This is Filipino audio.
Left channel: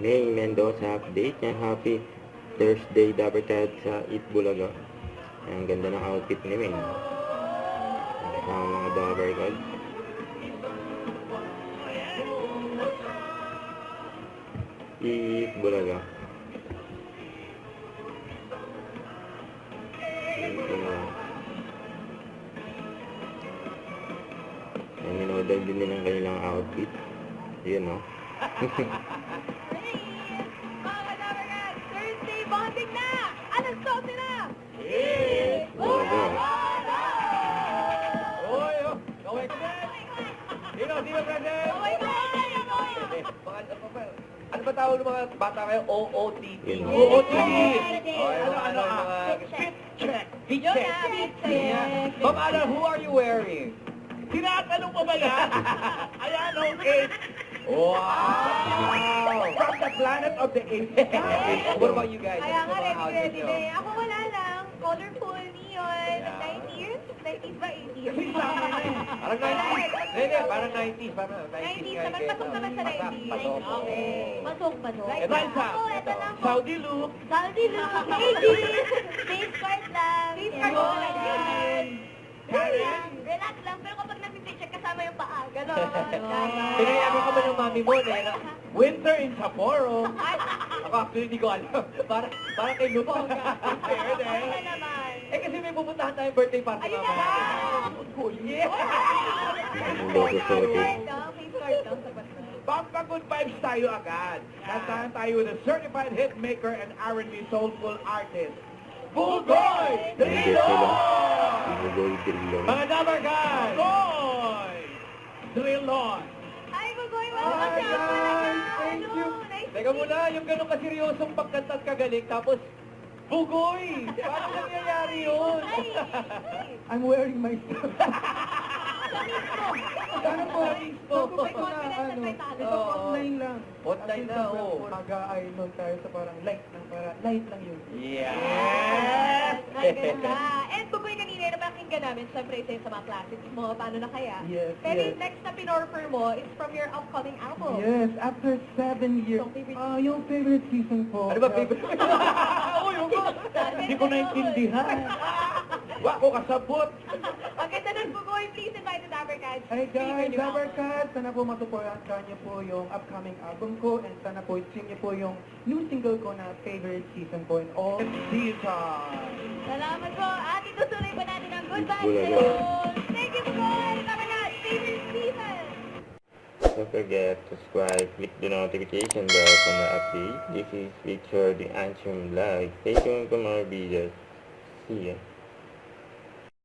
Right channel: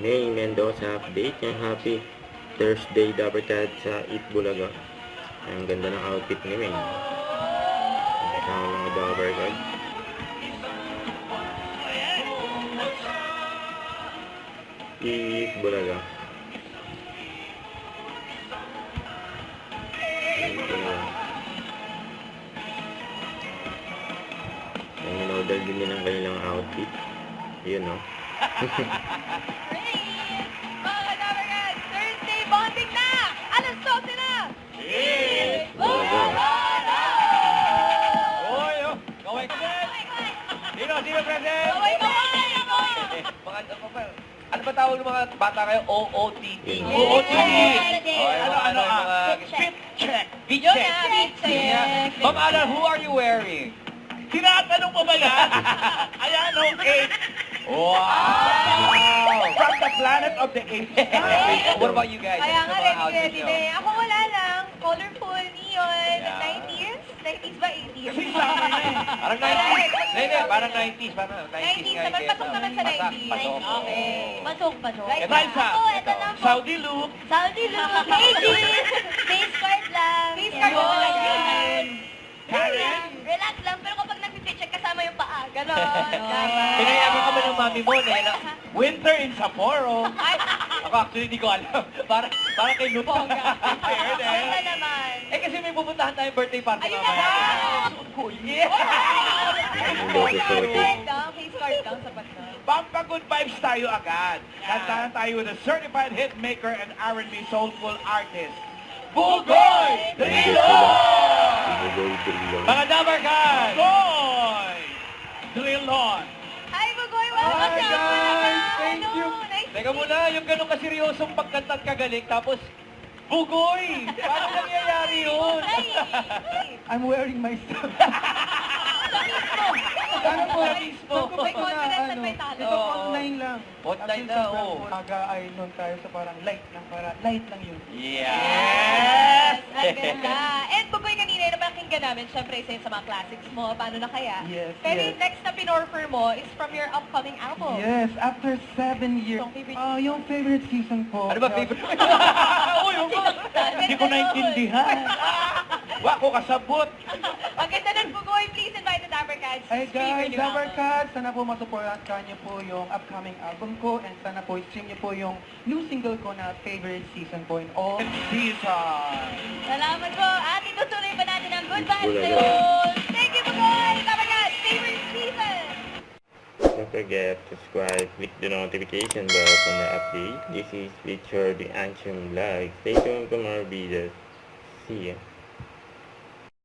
May Mendoza update. Yung happy Thursday Dapper Cat sa Eat Bulaga. Ang ganda ng outfit ni May. Kasama mga Dapper Cat. Eat Bulaga. Ang minodal din nilang kanilang outfit. Yun, no? Mga Dabarkad, Thursday bonding na! Alas 12 na! Eat Bulaga! Oy, oh! Kaway ka! Sino present? Kaway, kaway! Ano ba tawag ng mga bata kayo? OOTD. Yun. OOTD! Yes. Ano, mga Fit check. Fit Yun check. na, fit check. Ma'am Alan, who are you wearing? Tinatanong pa ba yan? Ayan, okay. Wow! From the planet of the apes. What about you guys? Kaya Ano nga, sa mga outfit ready nyo? din. Ako wala lang. Colorful, neon, Yeah. 90s? 90s ba? 80s? Parang 90s. Hindi, parang 90s. Parang 90s 90s nga. naman, kaya pasok naman sa pasak, 90s. pasok. Okay. Pasok. Ito, isa. Ako, ito lang po. Saudi look. Saudi look. 80s. Face card lang. Face card Yun. lang. Karen. Relax lang. Pero kapag nag-picture kasama yung paa, gano'n. Pinayaman ka ba ng mami mo? Winter in Sapporo. Ako actually hindi ko alam. Parang kay Luke. Bongga. Ayun eh. Bongga naman. Eh kasi may pupuntahan tayong birthday party Ayun na mamaya. ba? Yeah! Face card lang. Face card lang. Sapat na. Pampa good vibes tayo agad. Kantahan tayo with a certified hit maker and R&B soulful artist. Bugoy Drilon! Bugoy Drilon. Mga Dabarkad! Bugoy Drilon! Ay, Bugoy, wala ka Hi siya. guys! Thank you! Nice to Teka meet muna, yung ganun kaseryosong pagkantang kagaling, tapos Bugoy! Paano nangyayari yun? I'm wearing my stuff. Ano po? Mismo. May confidence at may talent. Oo. Online lang. Online na, oo. Aga ay nun tayo sa parang light lang, para light lang yun. Yeah! Ang ganda. And Bugoy, kanina na pakinggan namin, syempre isa yun sa mga classics mo, paano na kaya? Yes, Pero yes. yung next na pinorfer mo is from your upcoming album. Yes, after 7 years. Yung favorite- Yung favorite season po. Ano ba favorite? Uy, hindi ko naintindihan. Wako kasabot. Ang ganda ng Bugoy, please invite the Dabarkads to Ay stream your guys, new album. Dabarkad, sana po masuportahan niyo po yung upcoming album ko and sana po stream niyo po yung new single ko na favorite season po in all. Season. Salamat po. At itutuloy pa natin ang Good Vibes Bulaga. Level. Thank you, Bugoy! Dabarkads, favorite season! Don't forget to subscribe, click the notification bell for more updates. This is Feature the Ancient Vlog. Stay tuned for more videos. See ya.